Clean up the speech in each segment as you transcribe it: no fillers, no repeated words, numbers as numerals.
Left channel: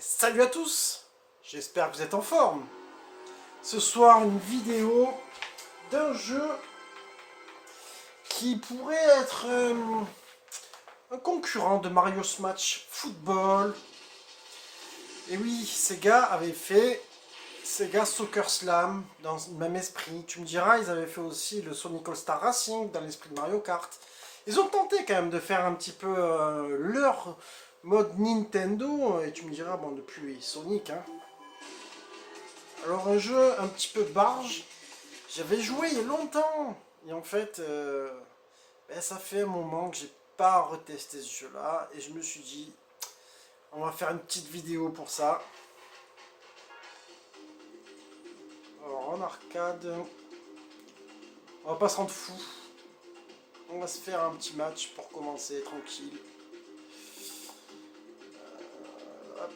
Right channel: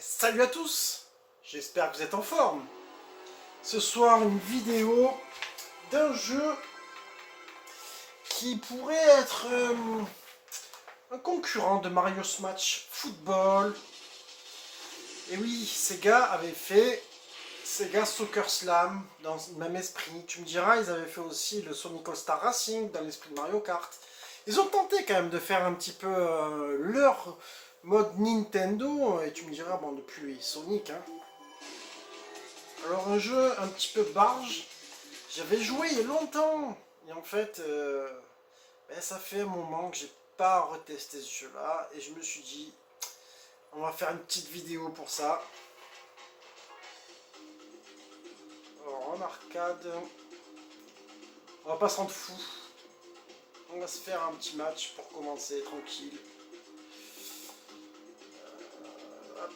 Salut à tous, j'espère que vous êtes en forme. Ce soir, une vidéo d'un jeu qui pourrait être un concurrent de Mario Smash Football. Et oui, Sega avait fait Sega Soccer Slam dans le même esprit. Tu me diras, ils avaient fait aussi le Sonic All-Star Racing dans l'esprit de Mario Kart. Ils ont tenté quand même de faire un petit peu leur mode Nintendo. Et tu me diras, bon, depuis Sonic, hein. Alors un jeu un petit peu barge, j'avais joué il y a longtemps. Et en fait, ça fait un moment que j'ai pas retesté ce jeu-là. Et je me suis dit, on va faire une petite vidéo pour ça. Alors en arcade, on va pas se rendre fou. On va se faire un petit match pour commencer, tranquille. Hop.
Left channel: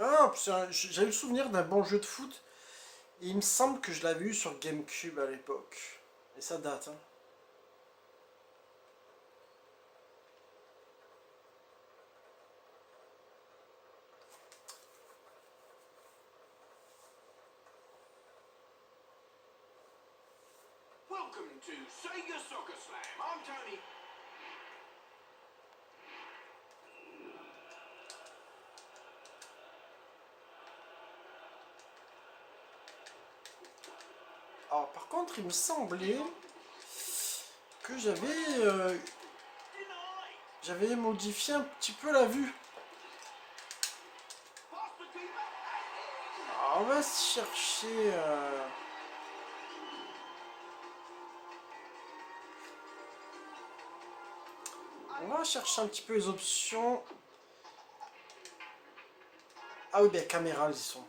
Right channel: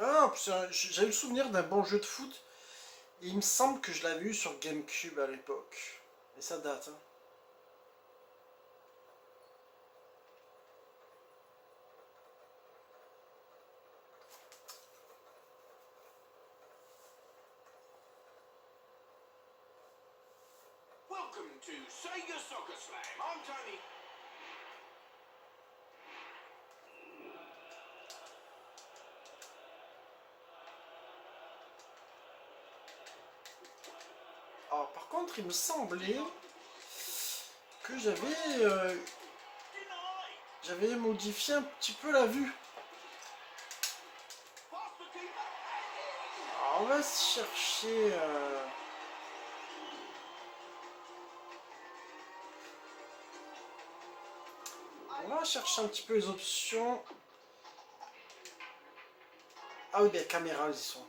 Ah, j'avais le souvenir d'un bon jeu de foot. Et il me semble que je l'avais eu sur GameCube à l'époque. Et ça date, hein. Welcome to Sega Soccer Slam. I'm Tony. Alors, par contre, il me semblait que j'avais modifié un petit peu la vue. Pass the keeper. Alors, on va chercher. On va chercher un petit peu les options. Ah oui, ben, caméra, ils y sont.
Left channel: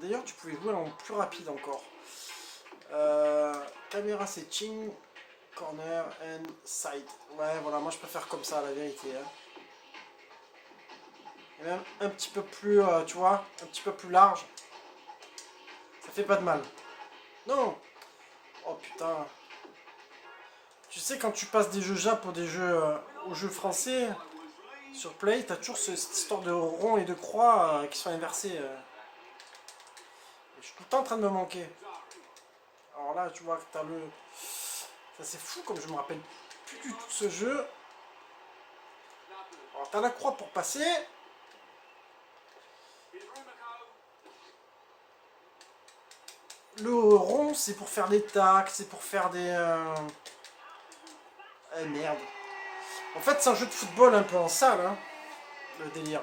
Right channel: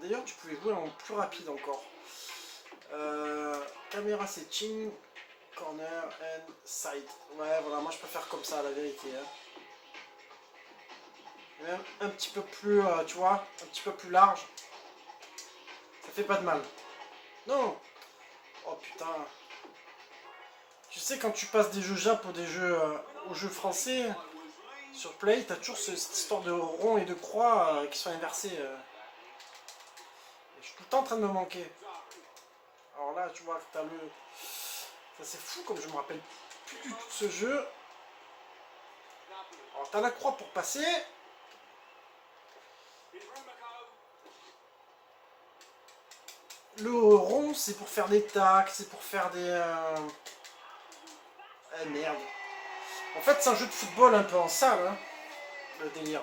D'ailleurs, tu pouvais jouer en plus rapide encore. Caméra setting, corner and side. Ouais, voilà, moi je préfère comme ça, la vérité. Hein. Même un petit peu plus, tu vois, un petit peu plus large. Ça fait pas de mal. Non. Oh putain. Tu sais, quand tu passes des jeux Jap ou des jeux aux jeux français, sur Play, t'as toujours cette histoire de rond et de croix qui sont inversés. Je suis tout le temps en train de me manquer. Alors là, tu vois que t'as le... Ça c'est fou comme je me rappelle plus du tout de ce jeu. Alors t'as la croix pour passer. Le rond c'est pour faire des tacs, c'est pour faire des... Eh merde. En fait c'est un jeu de football un peu en salle, hein, le délire.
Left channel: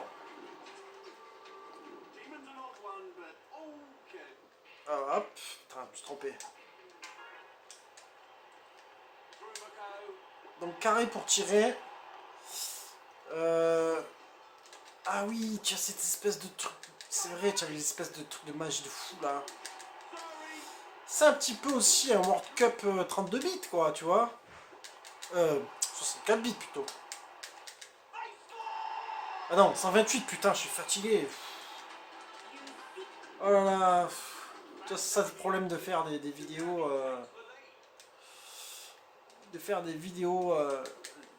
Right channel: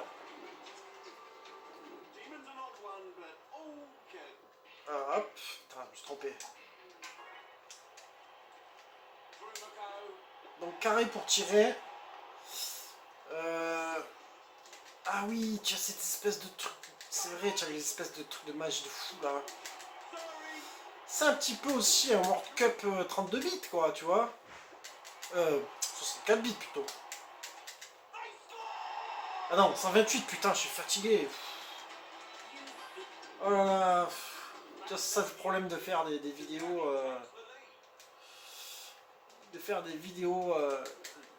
Hop, putain, je me suis trompé. Donc carré pour tirer. Ah oui, tu as cette espèce de truc. C'est vrai, tu as l'espèce de truc de match de fou là. C'est un petit peu aussi un World Cup 32 bits quoi, tu vois. 64 bits plutôt. Ah non, 128, putain, je suis fatigué. Oh là là. C'est ça le problème de faire des vidéos. De faire des vidéos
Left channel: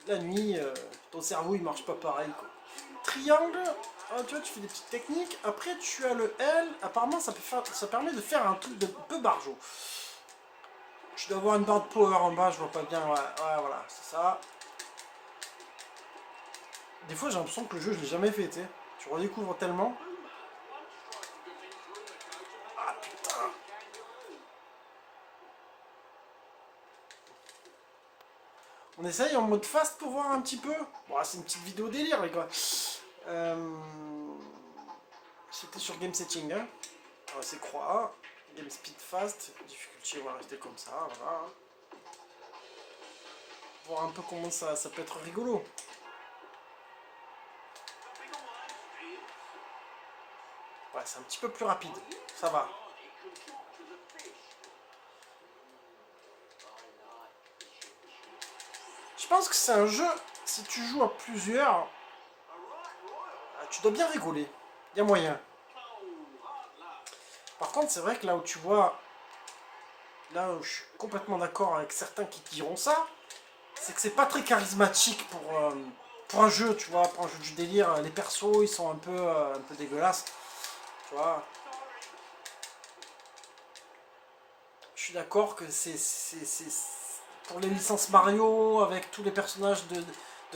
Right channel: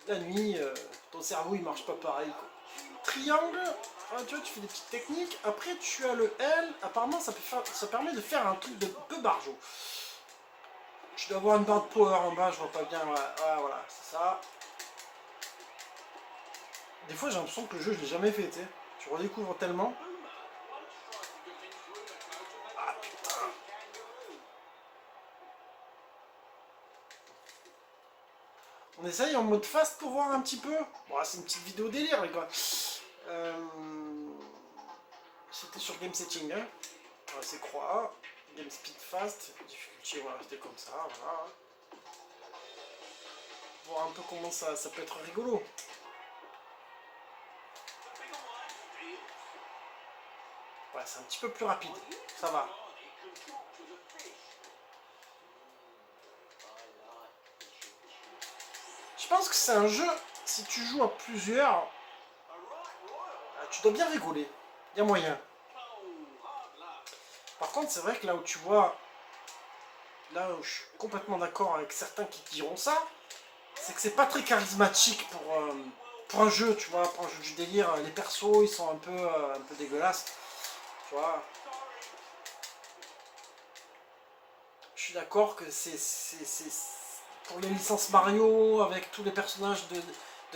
la nuit. Ton cerveau il marche pas pareil quoi. Triangle, tu vois, tu fais des petites techniques. Après, tu as le L. Apparemment, ça permet de faire un truc de peu barjo. Je dois avoir une barre de power en bas, je vois pas bien. Ouais, ouais voilà, c'est ça. Des fois, j'ai l'impression que le jeu, je l'ai jamais fait, tu sais. Tu redécouvres tellement. Ah putain. On essaye en mode fast pour voir un petit peu. Bon, c'est une petite vidéo délire, les gars. C'était sur Game Setting, hein. Voilà, c'est croix. Game Speed Fast. Difficulté, voilà, c'était comme ça, voilà. Voir un peu comment ça peut être rigolo. Ouais, c'est un petit peu plus rapide. Ça va. Je pense que c'est un jeu, si tu joues à plusieurs, tu dois bien rigoler. Il y a moyen. Oh, hard luck. Par contre, c'est vrai que là où tu vois, là où je suis complètement d'accord avec certains qui diront ça, c'est que c'est pas très charismatique pour un jeu, tu vois, pour un jeu du délire. Les persos, ils sont un peu dégueulasses, tu vois. Je suis d'accord que pour les licences Mario, avec tous les personnages de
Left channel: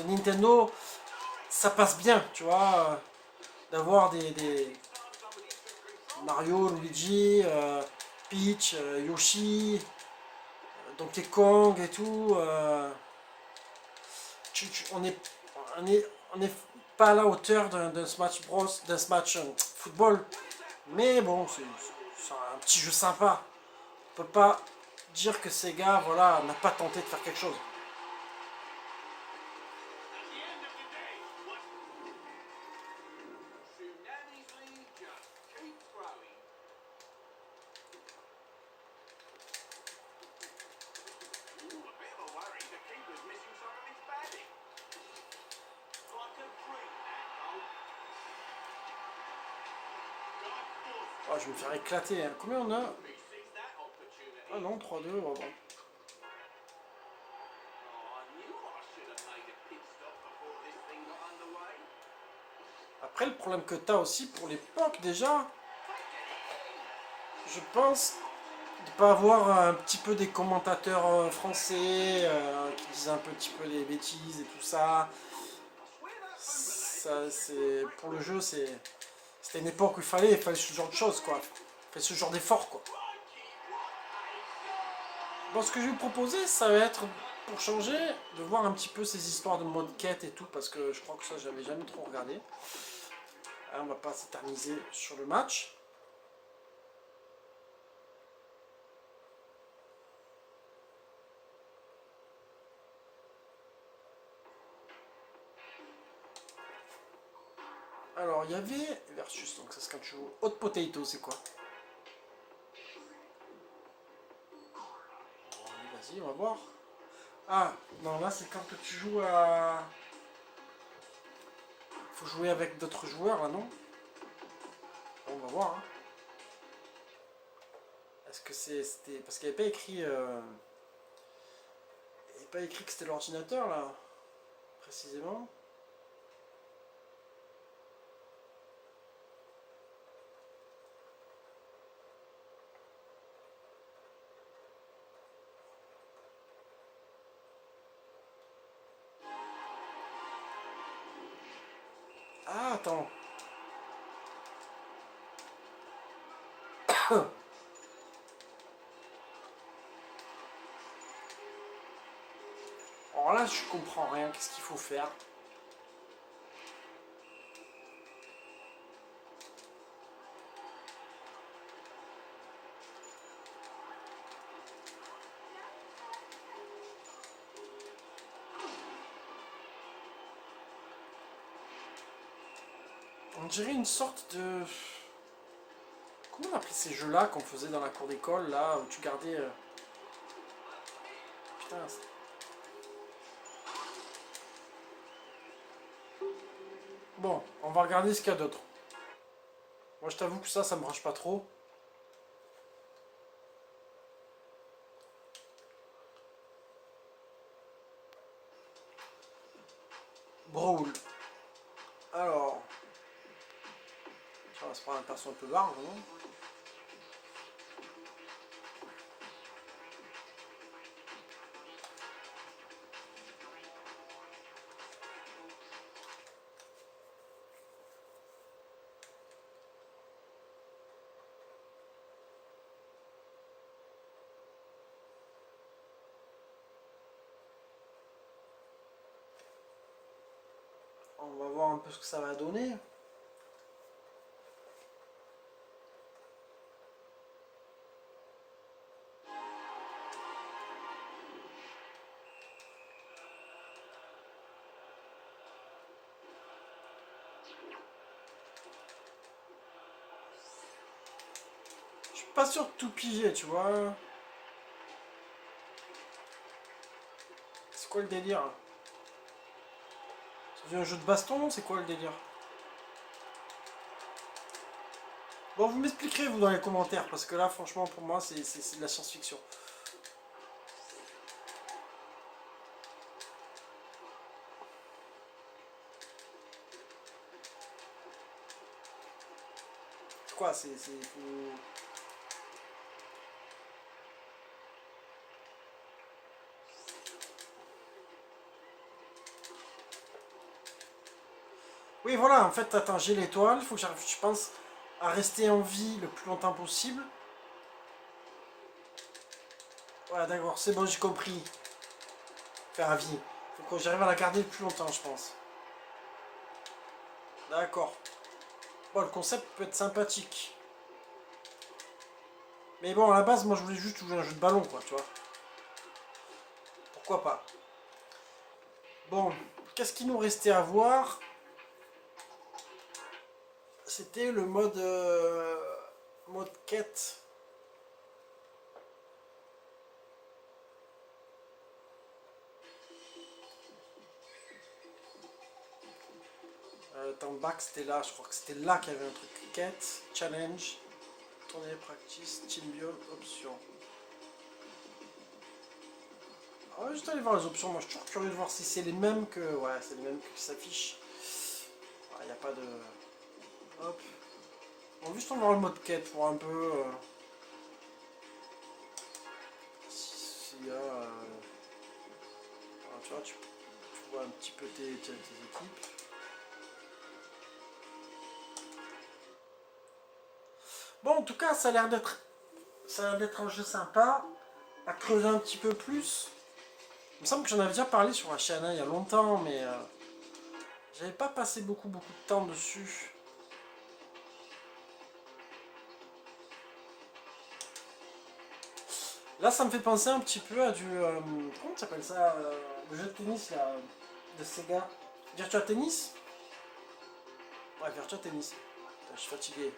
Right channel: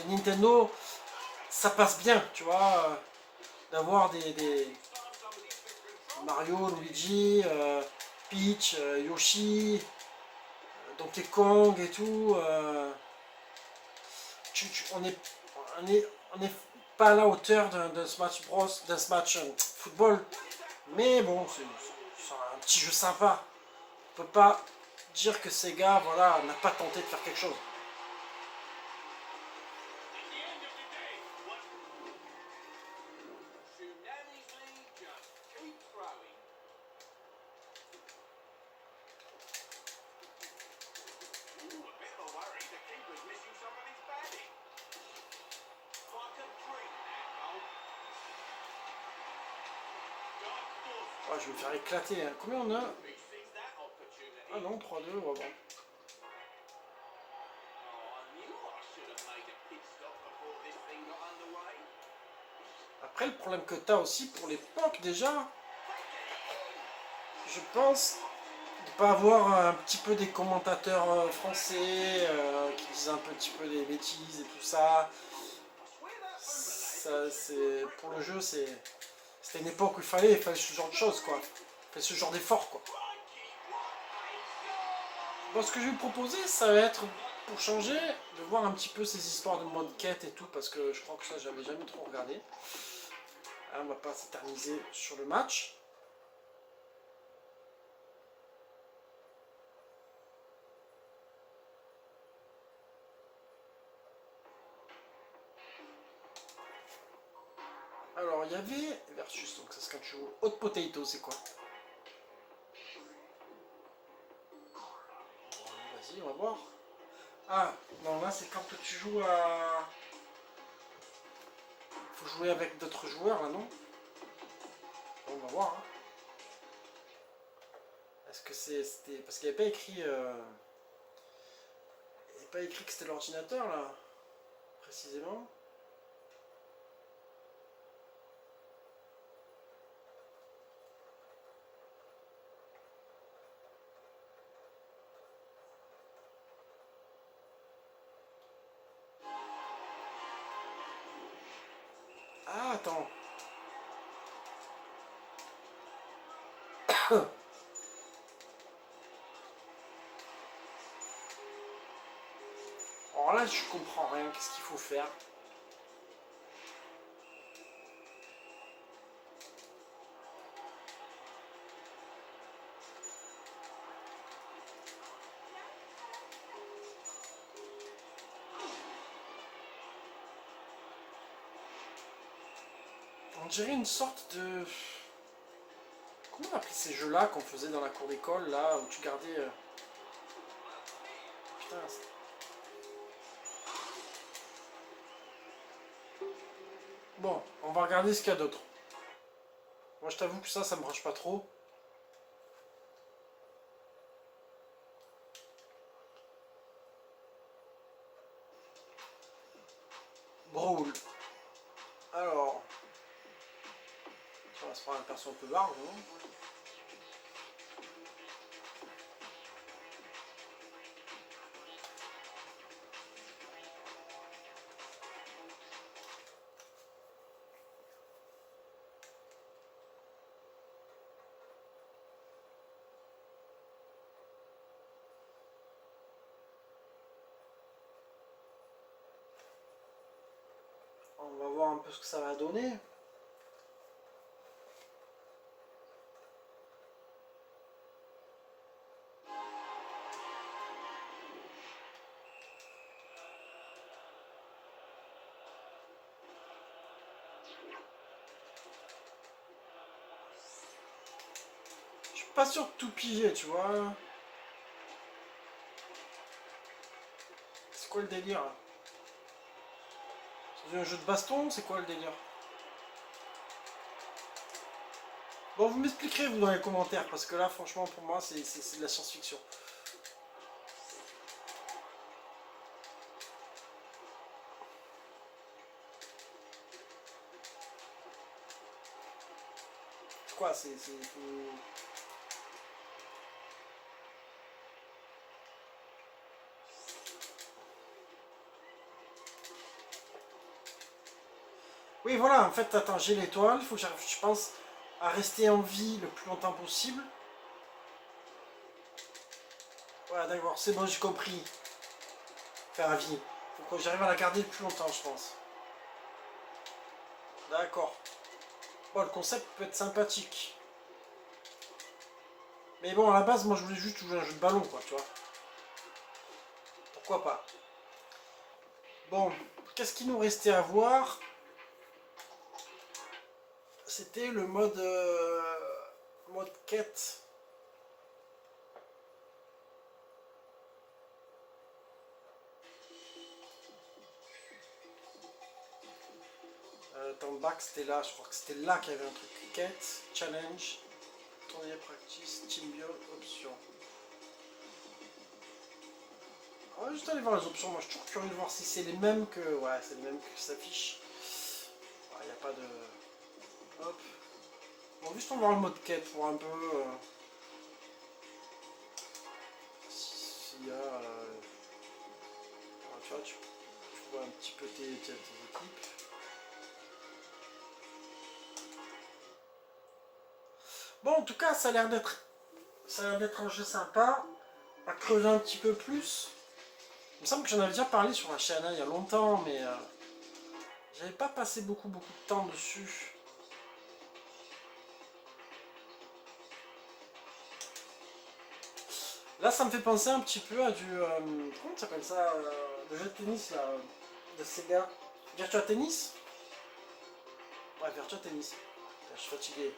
Nintendo, ça passe bien, tu vois, d'avoir des Next time somebody's been controlling Mario, something. Luigi, Peach, Yoshi, Donkey Kong et tout. On est pas à la hauteur d'un Smash Bros, d'un Smash Football, mais bon, c'est un petit jeu sympa. On peut pas dire que Sega, voilà, n'a pas tenté de faire quelque chose. At the end of the day, what Tsunami's lead just keeps growing. Ooh, a bit of a worry. The keeper's missing some of his batting. Like a dream, that goal. Like force. Ah, je vais me faire éclater, hein. Combien on a? He sees that opportunity. Ah non, 3-2, oh, bon. Oh, I knew I should have made a pit stop before this thing got underway. Après, le problème que tu as aussi pour l'époque déjà, Take it in. je pense, de pas avoir un petit peu des commentateurs français qui disent un petit peu des bêtises et tout ça. I swear that Ça, boomerang c'est pour le jeu, c'était une époque où il fallait ce genre de choses, quoi. Il fallait ce genre d'effort, quoi. crikey, what a Bon, ce que je vais vous proposer, ça va être, pour changer, de voir un petit peu ces histoires de mode quête et tout, parce que je crois que ça, j'avais jamais trop regardé. Hein, on va pas s'éterniser sur le match. Alors, il y avait versus, donc ça c'est quand tu joues hot potato, c'est quoi? Vas-y, on va voir. Ah, non, là c'est quand tu joues à... Faut jouer avec d'autres joueurs, là, non? Bon, on va voir, hein. Est-ce que c'était... Parce qu'il n'y avait pas écrit... Il n'y avait pas écrit que c'était l'ordinateur, là, précisément. Ah, attends. Alors là, je comprends rien. Qu'est-ce qu'il faut faire? On dirait une sorte de... Comment on appelait ces jeux-là qu'on faisait dans la cour d'école, là, où tu gardais... Putain, bon, on va regarder ce qu'il y a d'autre. Moi, je t'avoue que ça me branche pas trop. Brawl. Alors... On va se prendre un perso un peu large, non? On va voir un peu ce que ça va donner. Je suis pas sûr de tout piger, tu vois. C'est quoi le délire? C'est un jeu de baston? C'est quoi le délire? Bon, vous m'expliquerez vous dans les commentaires, parce que là, franchement, pour moi, c'est de la science-fiction. Quoi, Oui, voilà, en fait, attends, j'ai l'étoile, il faut que j'arrive, je pense, à rester en vie le plus longtemps possible. Voilà, d'accord, c'est bon, j'ai compris. Faire à vie. Faut que j'arrive à la garder le plus longtemps, je pense. D'accord. Bon, le concept peut être sympathique. Mais bon, à la base, moi, je voulais juste jouer un jeu de ballon, quoi, tu vois. Pourquoi pas. Bon, qu'est-ce qu'il nous restait à voir? C'était le mode quête. Attends, back, c'était là. Je crois que c'était là qu'il y avait un truc. Quête, challenge, tournée, practice, team build, options. Ah, juste aller voir les options. Moi, je suis toujours curieux de voir si c'est les mêmes que. Ouais, c'est les mêmes qui s'affichent. Il n'y a pas de. Hop. On va juste en voir le mode quête pour un peu. S'il y a. Tu vois, tu vois un petit peu tes équipes. Bon, en tout cas, ça a l'air d'être un jeu sympa, à creuser un petit peu plus. Il me semble que j'en avais déjà parlé sur la chaîne il y a longtemps, mais j'avais pas passé beaucoup de temps dessus. Là, ça me fait penser un petit peu à du... comment ça s'appelle ça le jeu de tennis, là, de Sega. Virtua Tennis. Ouais, Virtua Tennis. Putain, je suis fatigué.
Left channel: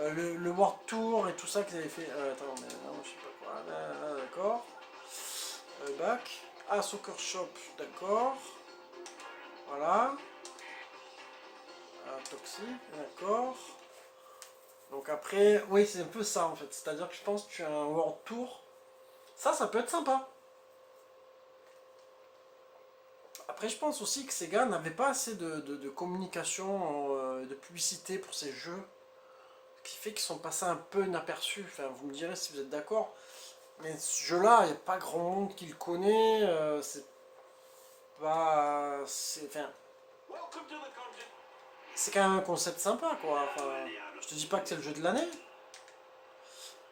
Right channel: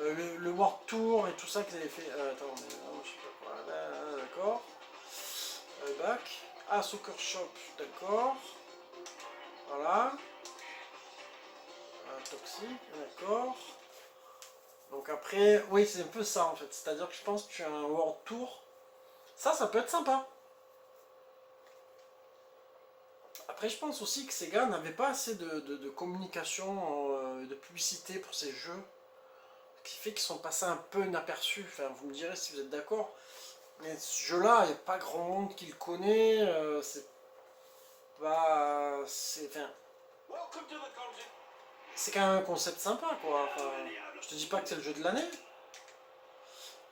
Le World Tour et tout ça qu'ils avaient fait... attends, mais non, je sais pas quoi. Là, d'accord. Back. Ah, Soccer Shop, d'accord. Voilà. Toxic, d'accord. Donc après, oui, c'est un peu ça en fait. C'est-à-dire que je pense que tu as un World Tour. Ça peut être sympa. Après, je pense aussi que Sega n'avait pas assez de communication, de publicité pour ces jeux. Ce qui fait qu'ils sont passés un peu inaperçus. Enfin, vous me direz si vous êtes d'accord. Mais ce jeu-là, il n'y a pas grand monde qui le connaît. C'est pas. Enfin, Welcome to the content. c'est quand même un concept sympa, quoi. Enfin, je te dis pas que c'est le jeu de l'année.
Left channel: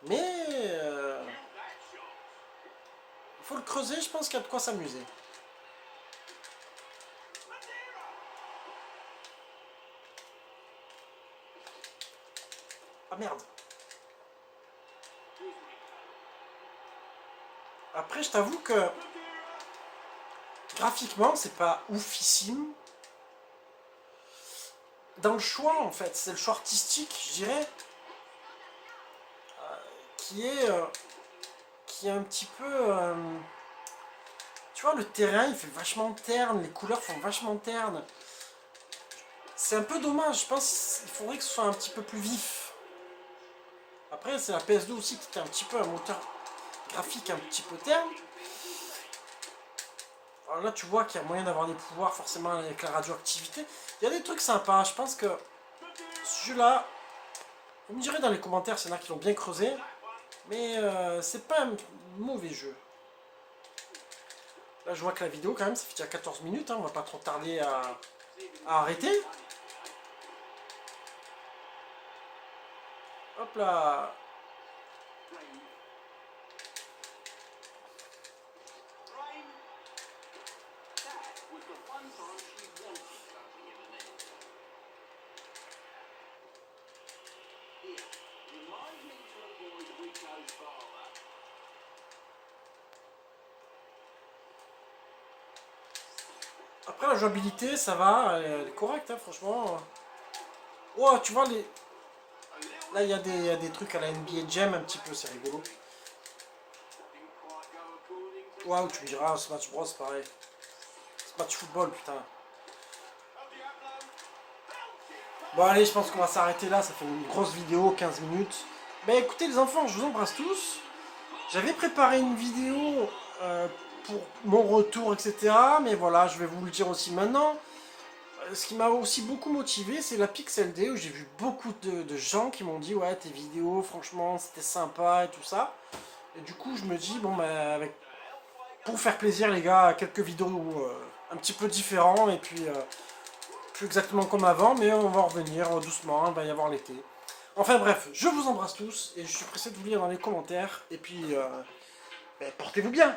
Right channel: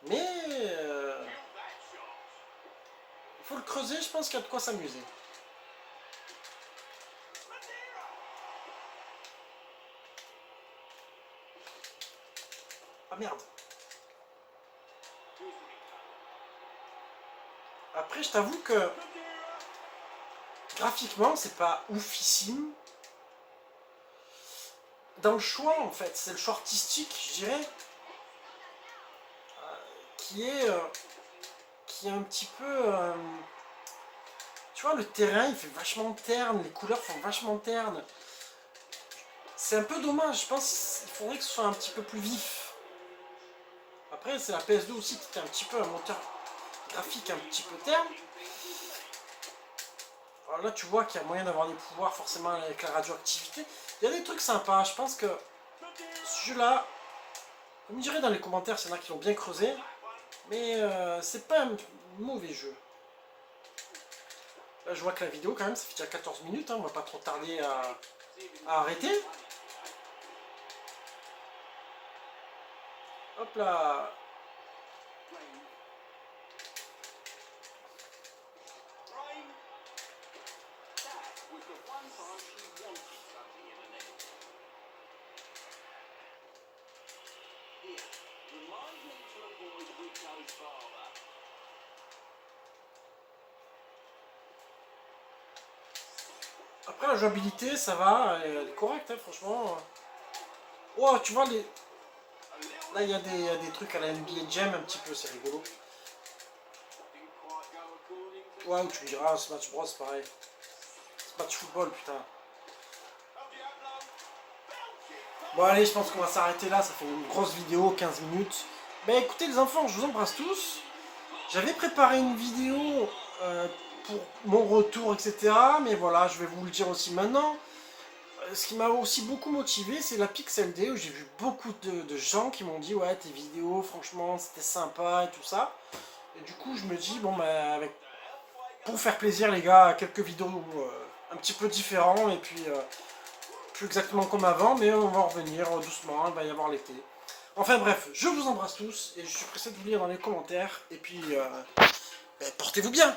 Mais Shoot that shot. il faut le creuser, je pense qu'il y a de quoi s'amuser. Madeira. Ah merde. Excuse me. Après, je t'avoue que Madeira. graphiquement, c'est pas oufissime. Dans le choix, en fait, c'est le choix artistique, je dirais, qui est, euh, qui est un petit peu. Tu vois, le terrain, il fait vachement terne, les couleurs font vachement terne. C'est un peu dommage, je pense qu'il faudrait que ce soit un petit peu plus vif. Après, c'est la PS2 aussi qui est un petit peu un moteur graphique un petit peu terne. Alors là, tu vois qu'il y a moyen d'avoir des pouvoirs forcément avec la radioactivité. Il y a des trucs sympas, je pense que ce jeu-là, vous me direz dans les commentaires s'il y en a qui l'ont bien creusé, mais c'est pas un mauvais jeu. Là, je vois que la vidéo, quand même, ça fait déjà 14 minutes, hein, on va pas trop tarder à arrêter. Hop là. Rain. That was the one time she wanted something in the net. Here, remind me to avoid Rico's father. Après, la jouabilité, ça va, elle est correcte, hein, franchement. Oh, tu vois, A little là, il y a des trucs à la NBA Jam un petit peu, c'est rigolo. didn't quite go according to Waouh, tu me diras, Smash Bros, pareil. Smash Football, putain. El Diablo. Belgian. Bon allez, je pense qu'on va s'arrêter là, ça fait une grosse vidéo, 15 minutes. Bah écoutez les enfants, je vous embrasse tous. J'avais préparé une vidéo pour mon retour, etc. Mais voilà, je vais vous le dire aussi maintenant. Ce qui m'a aussi beaucoup motivé, c'est la Pixel Day, où j'ai vu beaucoup de gens qui m'ont dit ouais, tes vidéos, franchement, c'était sympa et tout ça. Et du coup, je me dis, bon, bah, pour faire plaisir, les gars, quelques vidéos un petit peu différents, et puis plus exactement comme avant, mais on va en revenir doucement, il va y avoir l'été. Enfin bref, je vous embrasse tous, et je suis pressé de vous lire dans les commentaires, et puis bah, portez-vous bien!